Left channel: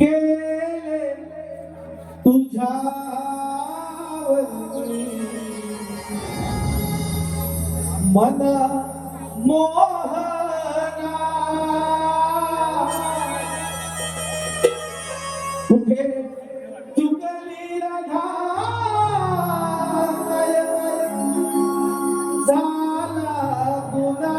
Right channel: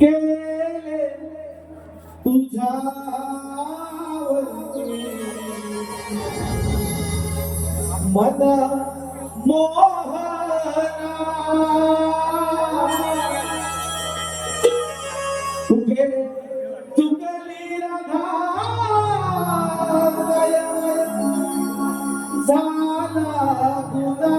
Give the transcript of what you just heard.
गेले तुझ्या मन तुके चुकली राधा झाला गुलाल